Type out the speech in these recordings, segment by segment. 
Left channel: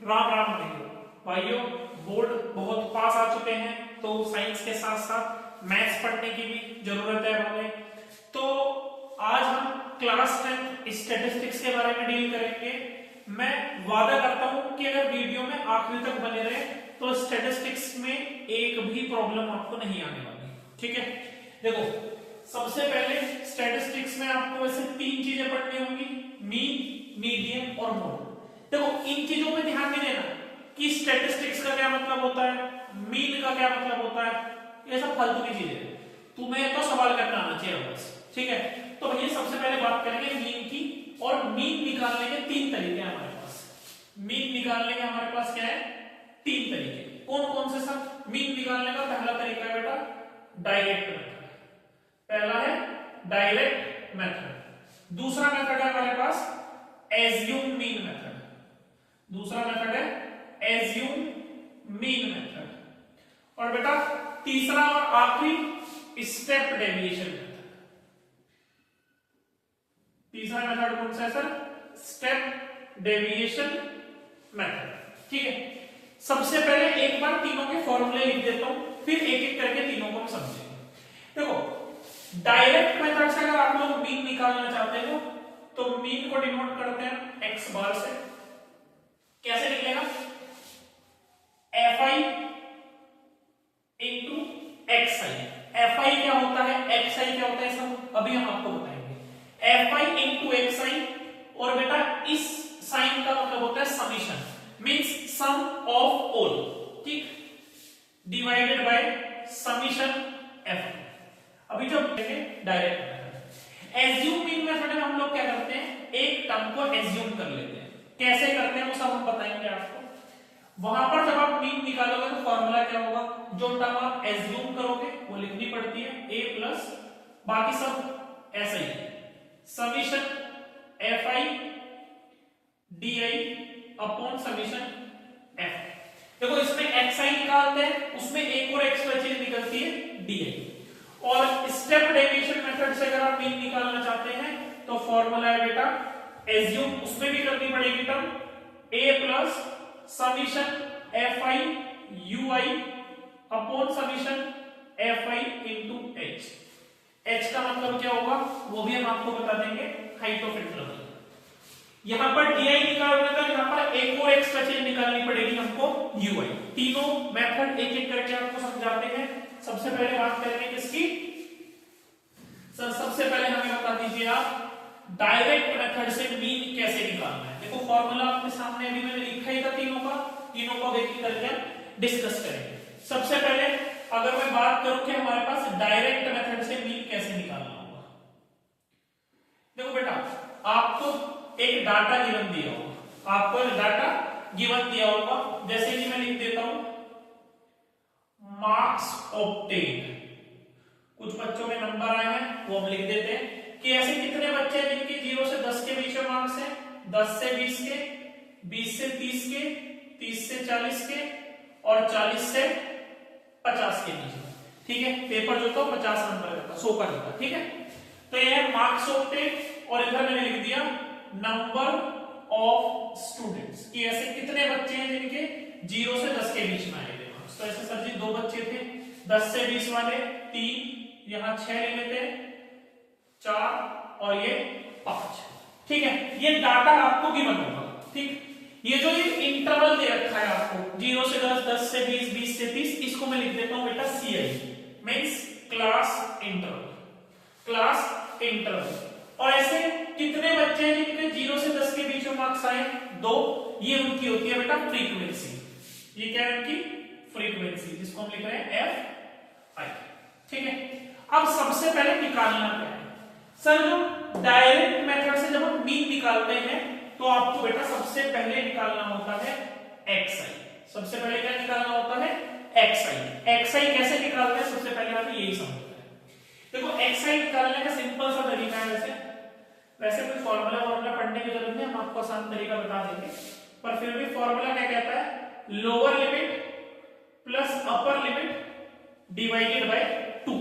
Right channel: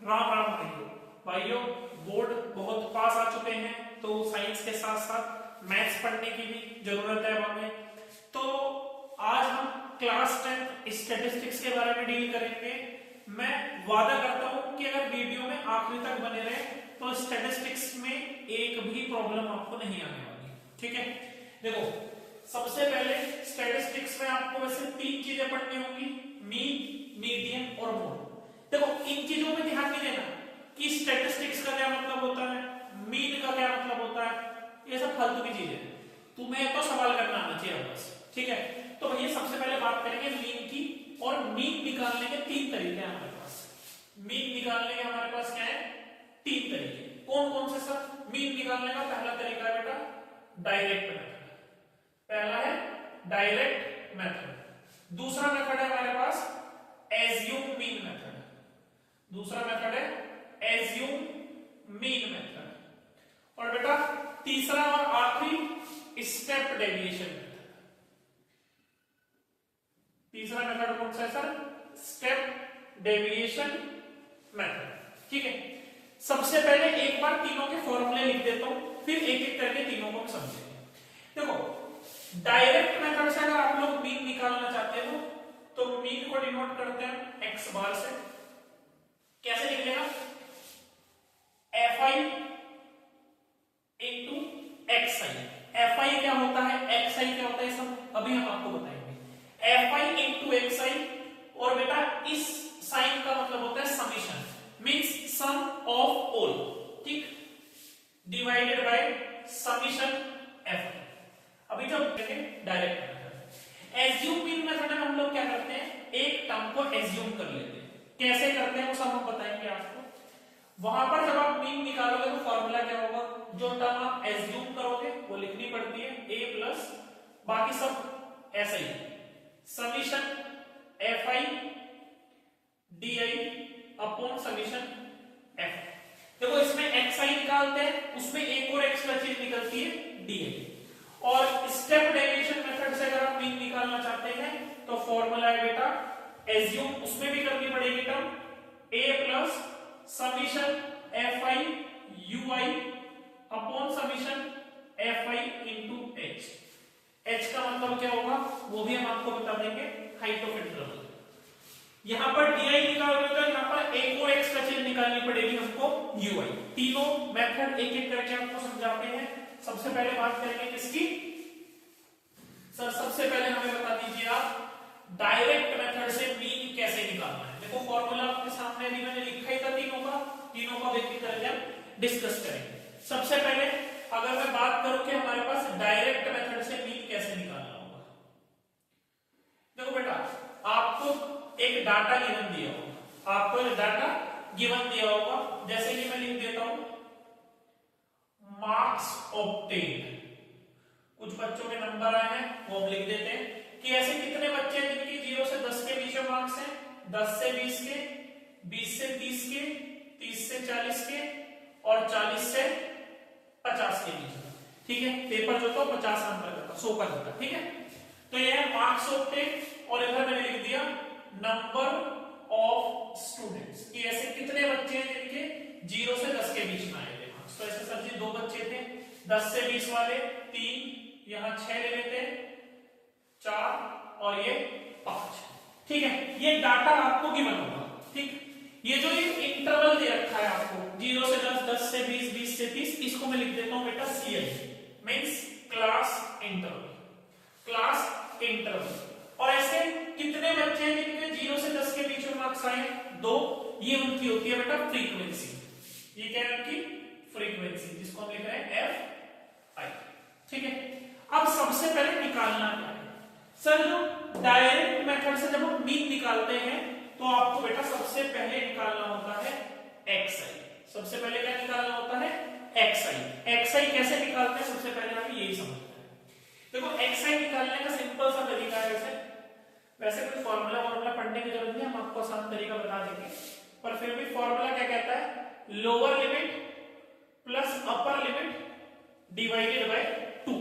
राम राम भाइयों, बोर्ड बहुत पास आ चुके हैं, तो साइंस के साथ साथ मैथ्स पढ़ने की भी जरूरत है हमें। तो आज हम क्लास 10 स्टैटिस्टिक्स के बारे में डील करेंगे। मैं वादा करता हूं कि अगर वीडियो में आखिरी तक बने रहे तो स्टैटिस्टिक्स में एक भी प्रॉब्लम आपको नहीं आने वाली। ठीक है, देखो सबसे पहले स्टैटिस्टिक्स में आपको वैसे तीन चीजें पढ़नी होंगी, मीन, मीडियन और मोड। देखो इन चीजों पे ध्यान नहीं देना कि स्टैटिस्टिक्स का क्या मतलब होता है, मीन का क्या मतलब होता है, ये सब फालतू की चीजें हैं। तुम्हें तो सवाल करना आना चाहिए बस। ठीक है, तो भैया सबसे पहले बात करेंगे मीन की। और मीन निकालने के तीन तरीके हैं हमारे पास। मीन निकालने के हमारे पास क्या है, तीन तरीके। कौन कौन से सर? मीन निकालने का पहला तरीका है बेटा डायरेक्ट मेथड। पहला है डायरेक्ट मेथड। दूसरा मेथड है हमारे पास एज्यूम मीन मेथड। दूसरा मेथड है एज्यूम मीन मेथड। और बेटा तीसरा और आखिरी स्टेप डेविएशन मेथड। तीसरा मेथड कौन सा है सर? Step deviation method. ठीक है, सबसे पहले एक बार तीनों के फॉर्मूले लिख देता हूं, फिर एक एक करके तीनों को समझेंगे। देखो डायरेक्ट मेथड से अगर आप लोग मीन निकालना चाहते हो तो मीन को डिनोट करते हैं एक्स बार से। कैसे लिखेगा? F I into X I. F I क्या होता है, एक्स आई क्या होता है, सब अभी हम आपको बताएंगे। F I into X I, और बेटा इस साइन का मतलब होता है summation, means sum of all. ठीक, डिवाइडेड बाय समीशन एफ। अभी जब direct method, assume mean method में हम लोग क्या करते हैं, एक टर्म को एज्यूम कर लेते हैं। कैसे करते हैं वो सब हम बताएंगे आपको। वहां पर जब आप मीन निकालोगे तो फॉर्मूला क्या होगा, जो टर्म आप एज्यूम करोगे वो लिखनी पड़ती है, ए प्लस बाकी सब ऐसे ही, summation F I D I upon summation F. देखो इसमें एक्स आई निकालते हैं, उसमें एक और एक्स्ट्रा चीज निकलती है डी आई। और स्टेप डेविएशन मेथड से अगर आप मीन निकालना चाहते हैं तो फॉर्मूला है बेटा एज्यूम, उसमें भी करनी पड़ेगी term A plus summation F I you I upon summation F I into H. H का मतलब क्या होगा वो भी हम आपको बता देंगे, हाइट ऑफ इंटरवल। यहां पर डी आई निकालोगे तो यहां पर एक और एक्स्ट्रा चीज निकालनी पड़ेगी हमको यू आई। तीनों मेथड एक एक करके आपको समझाते हैं। सबसे पहले बात करेंगे किसकी सर? सबसे पहले हमें बता दीजिए आप डायरेक्ट मेथड से मीन कैसे निकालना है। देखो फॉर्मूला आपके सामने अभी मैंने लिखा ही था तीनों का, तीनों को एक एक करके हम डिस्कस करेंगे। सबसे पहले अगर मैं बात करूं कि हमारे पास डायरेक्ट मेथड से मीन कैसे निकालना होगा। देखो बेटा आपको एक डाटा गिवन दिया होगा, आपको एक डाटा गिवन दिया होगा, जैसे कि मैं लिख देता हूं मार्क्स ऑब्टेन। कुछ बच्चों के नंबर आए हैं वो हम लिख देते हैं कि ऐसे कितने बच्चे हैं जिनके 0 से 10 के बीच में मार्क्स हैं, 10 से 20 के, 20 से 30 के, 30 से 40 के और 40 से 50 के बीच में। ठीक है, पेपर जो था 50 नंबर का था, 100 का था। ठीक है, तो ये है मार्क्स ऑब्टेन। और इधर मैंने लिख दिया नंबर ऑफ स्टूडेंट्स कि ऐसे कितने बच्चे हैं जिनके 0 से 10 के बीच में आए थे मार्क्स। तो ऐसे सर जी 2 बच्चे थे, 10 से 20 वाले 3, यहां 6 ले लेते हैं, 4 और ये 5। ठीक है, ये डाटा आपको गिवन होगा। ठीक, ये जो ये इंटरवल दे रखा है आपको 0 से 10, 10 से 20, 20 से 30, इसको मैं लिख देता हूं बेटा C I, means class interval. Class interval. और ऐसे कितने बच्चे हैं जिनके 0 से 10 के बीच में मार्क्स आए? 2। ये उनकी होती है बेटा फ्रीक्वेंसी। ये क्या है उनकी फ्रीक्वेंसी, जिसको हम लिख रहे हैं एफ आई। ठीक है, अब सबसे पहले निकालना क्या है सर? जो डायरेक्ट मेथड से जब हम मीन निकालते हैं तो आपको बेटा सबसे पहले निकालना होता है एक्स आई। सबसे पहले क्या निकालना होता है? एक्स आई। एक्स आई कैसे निकालते हैं सबसे पहले हमें यही समझना है। देखो एक्स आई निकालने का सिंपल सा तरीका है, वैसे कोई फॉर्मूला पढ़ने की जरूरत नहीं, हम आपको आसान तरीका बता देंगे, पर फिर भी फॉर्मूला क्या कहता है, lower limit plus upper limit divided by 2।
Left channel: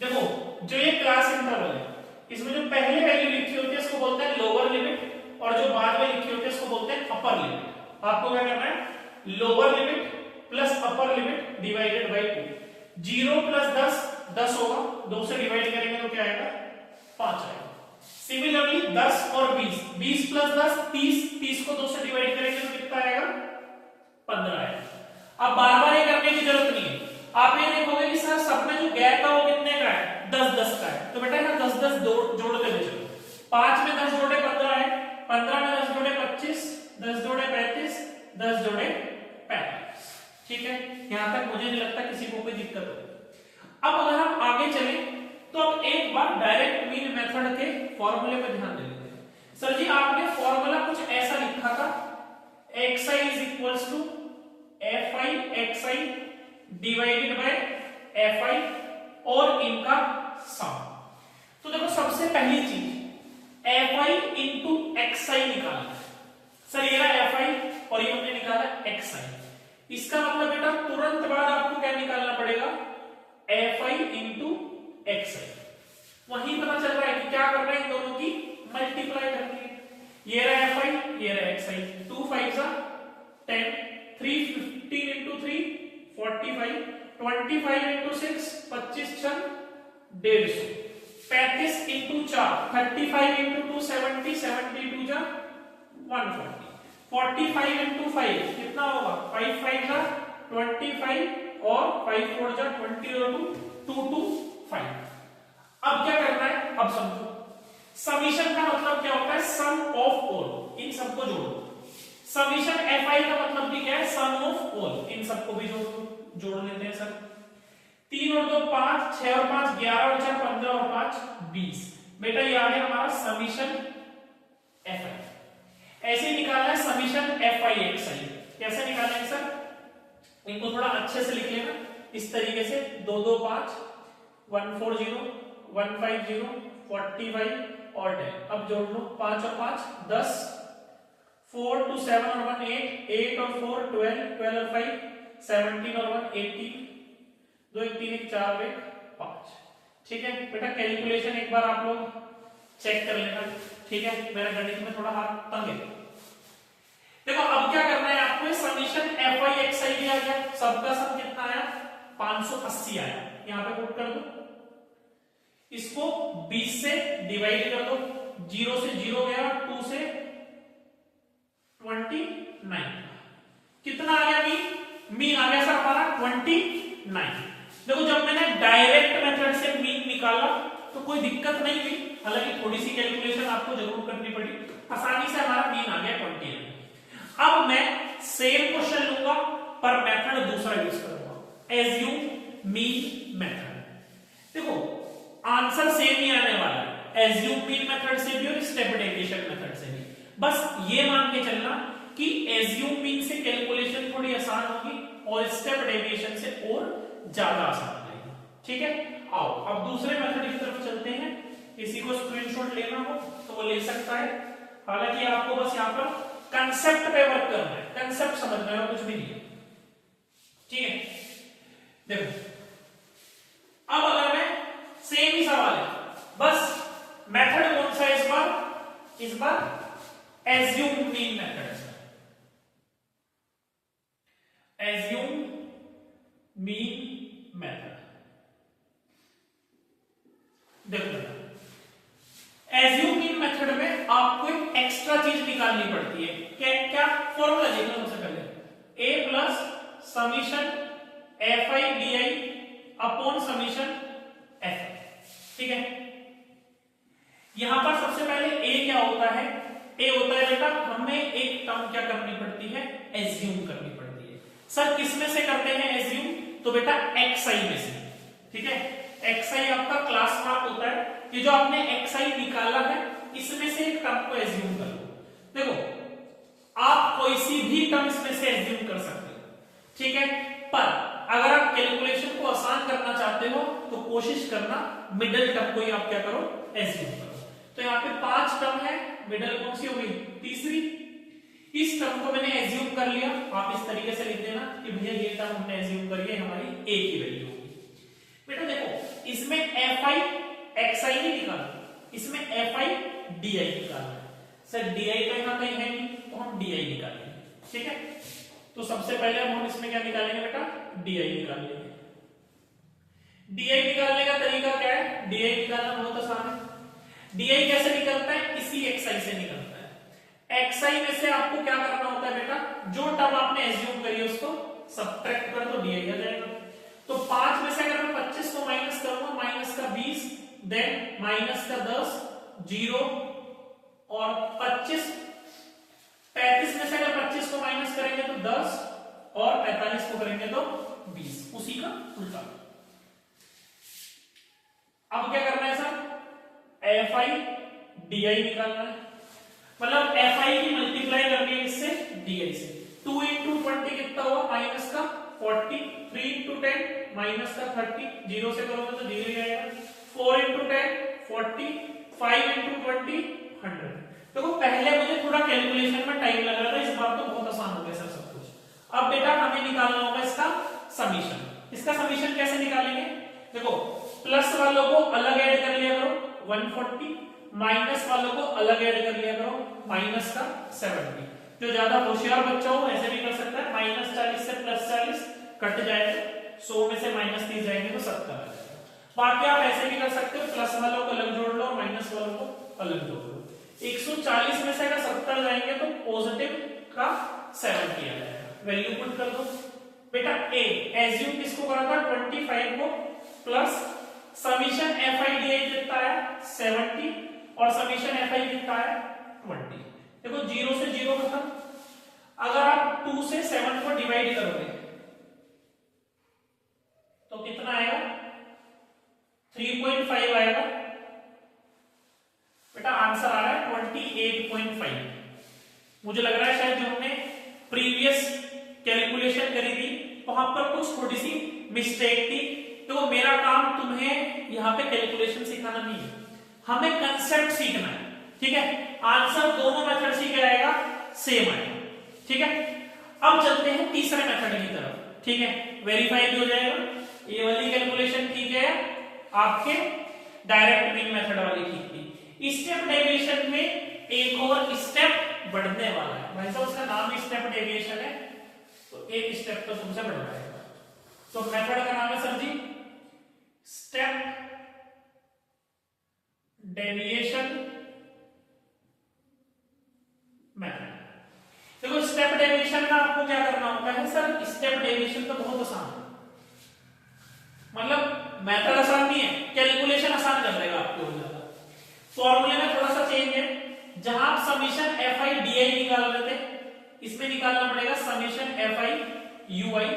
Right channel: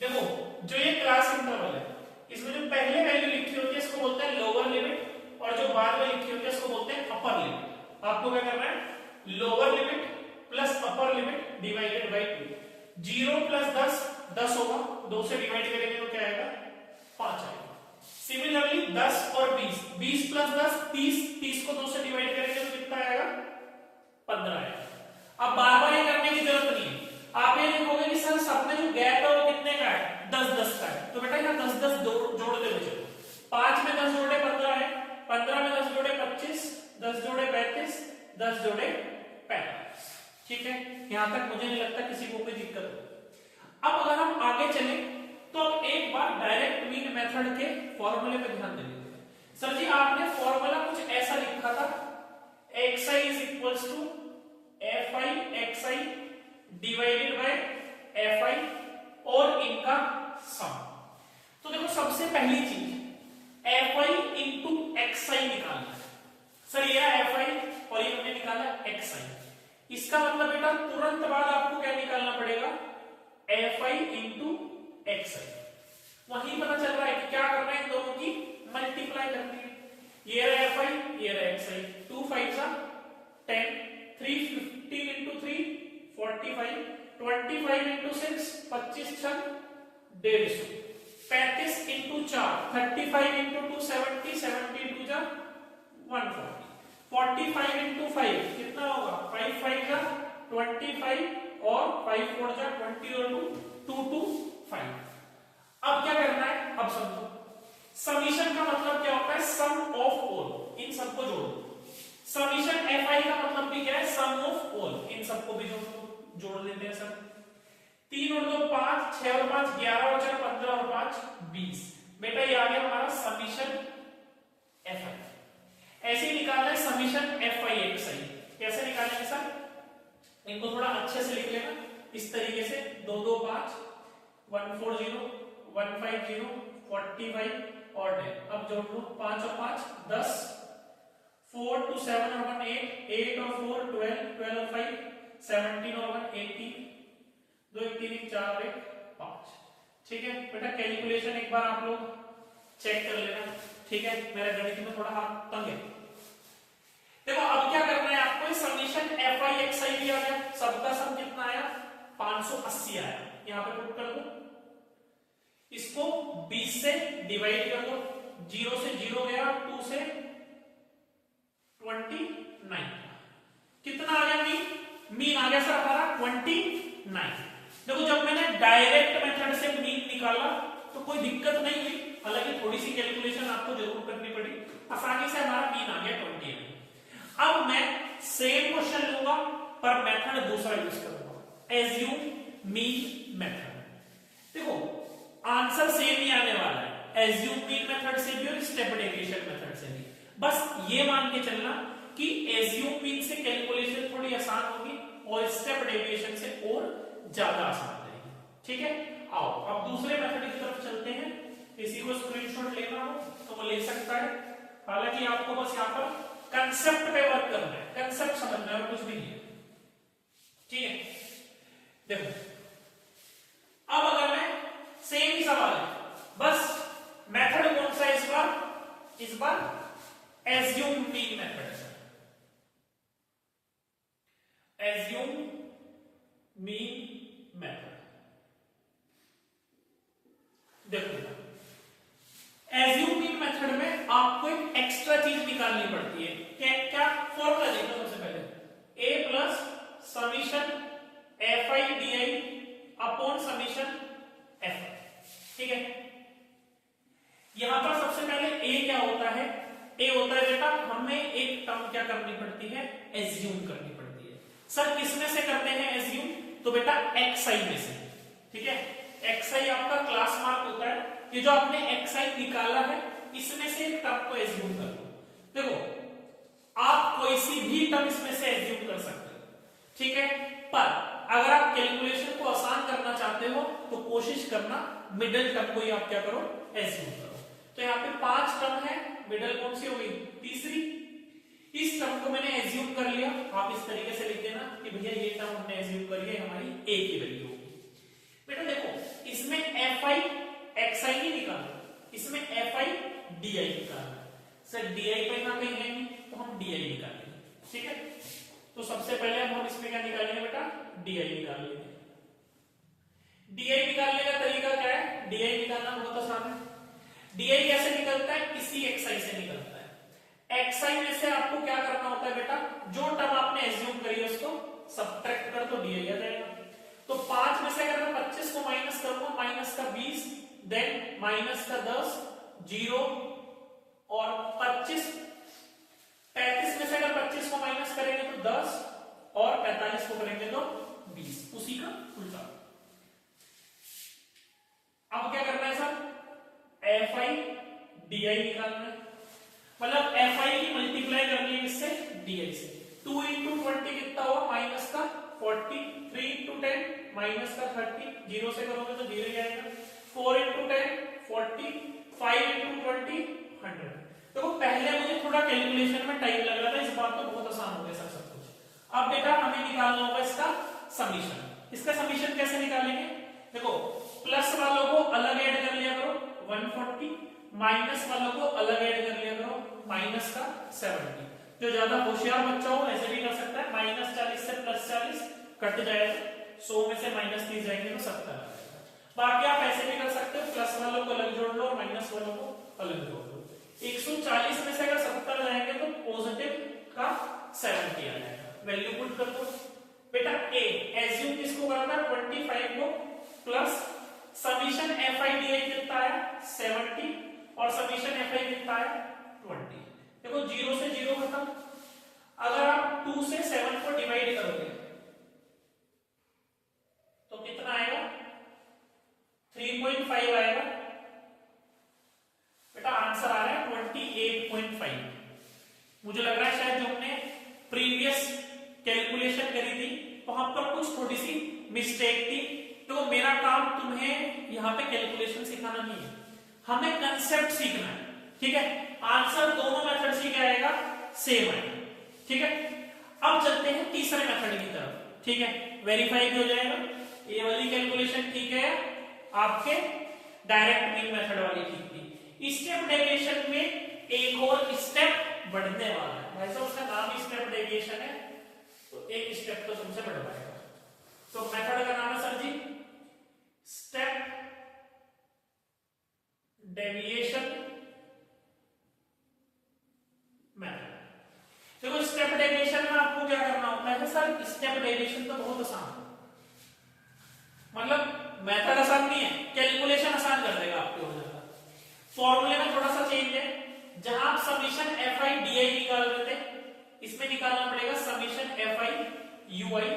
देखो जो ये क्लास इंटरवल है इसमें जो पहले वैल्यू लिखी होती है इसको बोलते हैं लोअर लिमिट, और जो बाद में लिखी होती है इसको बोलते हैं अपर लिमिट। आपको क्या करना है, lower limit plus upper limit divided by 2। 0 plus 10 10 होगा, 2 से डिवाइड करेंगे तो क्या आएगा, 5 आएगा। सिमिलरली 10 और 20, 20 प्लस 10 30, 30 को 2 से डिवाइड करेंगे तो कितना आएगा, 15 आएगा। अब बार बार ये करने की जरूरत नहीं है, आप ये देखोगे कि सर सब में जो गैप था वो कितने का है, 10-10 का है, तो बेटा यहाँ 10-10 जोड़ते हुए चलो। 5 में 10 जोड़े 15 है, 15 में 10 जोड़े 25, 10 जोड़े 35, 10 जोड़े 45। ठीक है, यहां तक मुझे नहीं लगता किसी को कोई दिक्कत हो। अब अगर हम आगे चले तो अब एक बार डायरेक्ट मीन मेथड के फॉर्मूले पे ध्यान दे लेते हैं। सर जी आपने फॉर्मूला कुछ ऐसा लिखा था, xi is equals to fi xi divided by fi और इनका सम। तो देखो सबसे पहली चीज fi इंटू xi निकालना। सर ये रहा fi और ये हमने निकाला xi, इसका मतलब बेटा तुरंत बाद आपको क्या निकालना पड़ेगा, fi इंटू xi। वहीं पता चल रहा है कि क्या करना है, दोनों की मल्टीप्लाई करनी है। ये रहा fi, ये रहा xi, 2 5 10, 3 15 into 3 45, 25 into 6 25 6 150, 35 into 4 35 into 2 70, 70 2 जा 140, 45 इंटू 5 कितना होगा, 5 5 जा 25 और 5 4 जा 20 और 2 2 2 5। अब क्या करना है, अब समझो समीशन का मतलब क्या होता है, सम ऑफ ऑल, इन सबको जोड़ो। समीशन fi का मतलब भी क्या है, सम ऑफ ऑल, इन सबको भी जोड़ लेते हैं सर। 3 और 2 5, 6 और 5 11 और 4 15 और 5 20। बेटा ये आ गया हमारा समीशन fi। ऐसे निकालना है समीशन fi xi। कैसे निकालेंगे सर, इनको थोड़ा अच्छे से लिख लेना इस तरीके से, 2 2 5 140 150 45 और 10। अब जोड़ लो, 5 और 5 10, 4 2 7 और 1 8, 8 और 4 12, 12 और 5 17 और 1 18, 2 1 3 1 4 1 5। ठीक है बेटा, कैलकुलेशन एक बार आप लोग चेक कर लेना। ठीक है, मेरा गणित में थोड़ा हाथ तंग है। देखो अब क्या करना है आपको, समीशन fi xi दिया गया, सबका सम कितना आया, 580 आया। यहां पे पुट कर दो, इसको 20 से डिवाइड कर दो, 0 से 0 गया, 2 से 29, कितना आ गया, मीन आ गया सर हमारा 29। देखो जब मैंने डायरेक्ट मेथड से मीन निकाला तो कोई दिक्कत नहीं हुई, हालांकि थोड़ी सी कैलकुलेशन आपको जरूर करनी पड़ी, आसानी से हमारा मीन आ गया 29। अब मैं सेम क्वेश्चन लूंगा पर मेथड दूसरा यूज करूंगा, एज्यूम मीन मेथड। देखो आंसर सेम ही आने वाला है, एज्यूम मीन मेथड से भी और स्टेप डेविएशन मेथड से भी। बस ये मान के चलना कि एज्यूम मीन से कैलकुलेशन थोड़ी आसान होगी और स्टेप डेविएशन से और ज्यादा आसान रहेगी। ठीक है, आओ अब दूसरे मेथड की तरफ चलते हैं। किसी को स्क्रीनशॉट लेना हो तो वो ले सकता है, हालांकि आपको बस यहाँ पर कंसेप्ट पे वर्क करना है, कंसेप्ट समझना है, कुछ भी नहीं है। ठीक है, देखो अब अगर मैं सेम ही सवाल है, बस मेथड कौन सा है इस बार एज्यूम मीन मेथड है। एज्यूम मीन मेथड, देखो बेटा एज्यूम मीन मेथड में आपको एक एक्स्ट्रा चीज निकालनी पड़ती है। क्या फॉर्मूला देखो सबसे पहले, a plus summation fi di upon summation f। ठीक है, यहां पर सबसे पहले a क्या होता है, a होता है बेटा हमें एक टर्म क्या करनी पड़ती है, एज्यूम करनी पड़ती है। सर किसमें से करते हैं एज्यूम, तो बेटा xi में से। ठीक है, xi आपका क्लास मार्क होता है, ये जो आपने xi निकाला है इसमें से एक टर्म को एज्यूम कर लो। देखो आप कोई सी भी टर्म इसमें से एज्यूम कर सकते हो। ठीक है, पर अगर आप कैलकुलेशन को आसान करना चाहते हो तो कोशिश करना मिडिल टर्म को ही आप क्या करो, एज्यूम करो। तो यहाँ पे 5 टर्म है, मिडिल कौन सी होगी, तीसरी। इस टर्म को मैंने एज्यूम कर लिया, आप इस तरीके से लिख देना कि भैया ये टर्म हमने एज्यूम करी है, हमारी a की वैल्यू होगी। बेटा देखो इसमें fi xi नहीं निकाला, इसमें fi di निकाला। सर di तो यहाँ कहीं है नहीं, तो हम di निकालेंगे। ठीक है, तो सबसे पहले हम इसमें क्या निकालेंगे बेटा, DI निकाल लेंगे। DI निकालने का तरीका क्या है, DI निकालना बहुत आसान है। DI कैसे निकलता है, इसी XI से निकलता है। XI में से आपको क्या करना होता है बेटा, जो टर्म आपने एज्यूम करी है उसको सब्ट्रैक्ट कर दो, DI आ जाएगा। तो 5 में से अगर मैं 25 को माइनस करूंगा, माइनस का 20, देन माइनस का 10, 0 और 25। 35 में से अगर 25 को माइनस करेंगे तो 10 और 45 को करेंगे तो 20, उसी का उल्टा। अब क्या करना है सर, FI DI निकालना है, मतलब FI की मल्टीप्लाई करनी है इससे DI से। 2 into 20 कितना हुआ, माइनस का 40, 3 into 10 माइनस का 30, 0 से करोगे तो 0 ही आएगा। 4 into 10 40, 5 into 20 100। देखो पहले मुझे थोड़ा कैलकुलेशन में टाइम लग रहा था, इस बार तो बहुत आसान हो गया सर सब कुछ। अब बेटा हमें निकालना होगा इसका समीशन। इसका समीशन कैसे निकालेंगे, देखो प्लस वालों को अलग ऐड कर लिया करो 140, माइनस वालों को अलग ऐड कर लिया करो माइनस का 70। जो ज्यादा होशियार बच्चा हो ऐसे भी कर सकता है, माइनस 40 से प्लस 40 कट जाएगा, 100 में से माइनस 30 जाएंगे तो 70 आ जाएगा। बाकी आप ऐसे भी कर सकते हो, प्लस वालों को अलग जोड़ लो और माइनस वालों को अलग जोड़ लो। 140 में से अगर 70 जाएंगे तो पॉजिटिव का 70 आ जाएगा, वैल्यू पुट कर दो। बेटा ए एज्यूम किसको करा था, 25 को, प्लस समीशन FI DI कितना है 70 और समीशन FI कितना है 20। देखो 0 से 0 खत्म। अगर आप 2 से 7 को डिवाइड करोगे तो कितना आएगा, 3.5 आएगा। बेटा आंसर आ रहा है 28.5। मुझे लग रहा है शायद जो हमने प्रीवियस कैलकुलेशन करी थी वहां पर कुछ थोड़ी सी मिस्टेक थी। तो मेरा काम तुम्हें यहाँ पे कैलकुलेशन सिखाना नहीं है, हमें कंसेप्ट सीखना है, ठीक है। आंसर दोनों मेथड से क्या आएगा, सेम आएगा, ठीक है। अब चलते हैं तीसरे मेथड की तरफ, ठीक है। वेरीफाई भी हो जाएगा, ये वाली कैलकुलेशन ठीक है, आपके डायरेक्ट मीन मेथड वाली ठीक थी। स्टेप डेविएशन में एक और स्टेप बढ़ने वाला है, भाई साहब उसका नाम स्टेप डेविएशन है, तो एक स्टेप तो तुमसे बढ़वाएगा। तो मेथड का नाम है सर जी स्टेप डेविएशन मेथड। देखो स्टेप डेविएशन में आपको क्या करना होता है सर, स्टेप डेविएशन तो बहुत आसान है, मतलब मेथड आसान नहीं है, कैलकुलेशन आसान कर देगा आपके हो जाएगा। फॉर्मूले में थोड़ा सा चेंज है, जहां आप समीशन FI DI निकाल रहे थे, इसमें निकालना पड़ेगा समीशन FI UI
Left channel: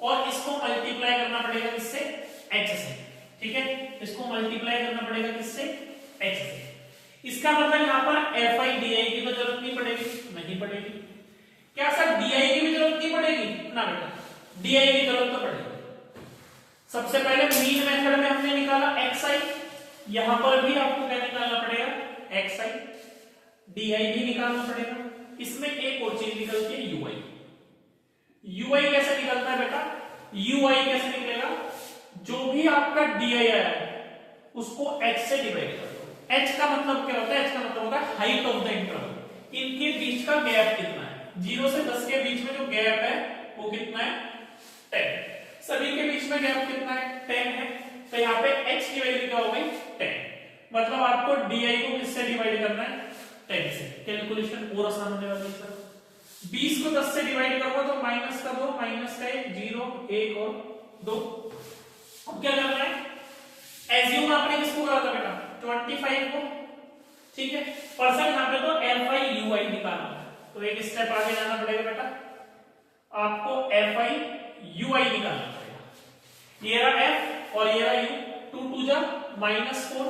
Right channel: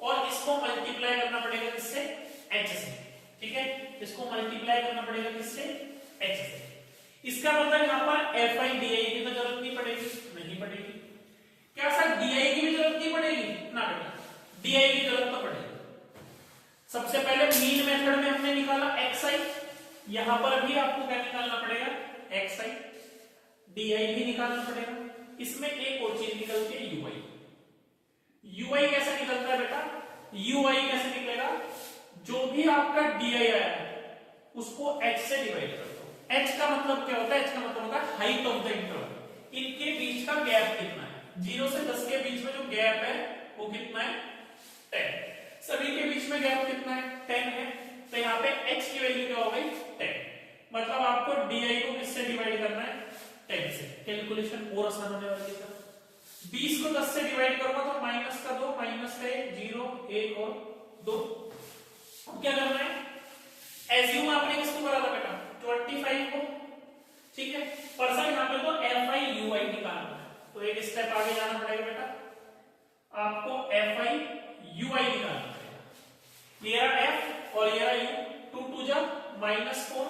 और इसको मल्टीप्लाई करना पड़ेगा किससे, H से, ठीक है। इसको मल्टीप्लाई करना पड़ेगा किससे, H से। इसका मतलब यहाँ पर FI DI की तो जरूरत नहीं पड़ेगी, नहीं पड़ेगी। क्या सर DI की भी जरूरत नहीं पड़ेगी, ना बेटा DI की जरूरत तो पड़ेगी। सबसे पहले मीन मेथड में हमने निकाला XI, यहां पर भी आपको क्या निकालना पड़ेगा, XI। DI भी निकालना पड़ेगा। इसमें एक और चीज निकलती है UI। UI कैसे निकलता है बेटा, UI कैसे निकलेगा, जो भी आपका DI आया है उसको H से डिवाइड कर दो। H का मतलब क्या होता है, H का मतलब होता है हाइट ऑफ द इंटरवल, इनके बीच का गैप कितना है। 0 से 10 के बीच में जो गैप है वो कितना है, 10। सभी के बीच में गैप कितना है, 10 है। तो यहाँ पे H की वैल्यू क्या हो गई, 10। मतलब आपको DI को किससे डिवाइड करना है, 10 से। कैलकुलेशन और आसान होने वाली है। 20 को 10 से डिवाइड करोगे तो माइनस का 2, माइनस का 1, 0, 1 और 2। अब क्या करना है, एज्यूम आपने किसको करा था बेटा, 25 को, ठीक है। परसेंट यहाँ पे तो FI UI निकालना है, तो एक स्टेप आगे जाना पड़ेगा बेटा, आपको FI UI निकालना पड़ेगा। ये रहा F और ये रहा U, 2 2 जा -4,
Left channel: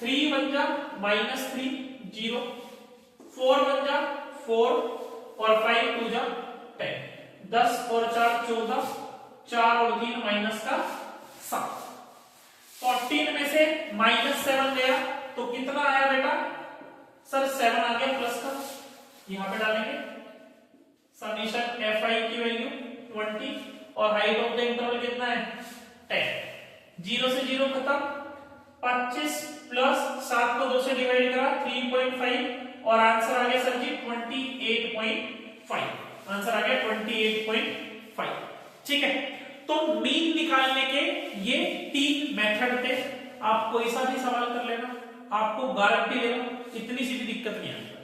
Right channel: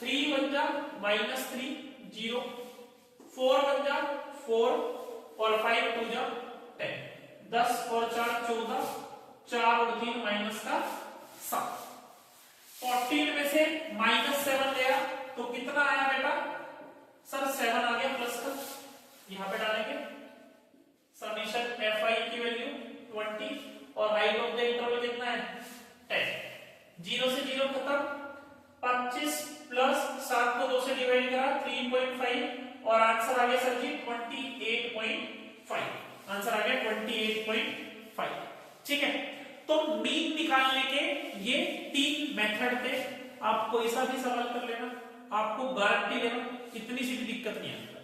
3 1 जा -3, 0, 4 1 जा 4 और 5 2 जा 10, 10 और 4 14, 4 और 3 माइनस का 7। 14 में से -7 गया तो कितना आया बेटा, सर 7 आ गया प्लस का, यहां पे डालेंगे समीशन FI की वैल्यू 20 और हाइट ऑफ द इंटरवल कितना है, 10। 0 से 0 खत्म, 25 प्लस 7 को 2 से डिवाइड करा 3.5 और आंसर आ गया सर जी 28.5। आंसर आ गया 28.5। ठीक है, तो मीन निकालने के ये 3 मेथड थे। आप कोई सा भी सवाल कर लेना, आपको गारंटी दे रहा हूं इतनी सी भी दिक्कत नहीं आएगी।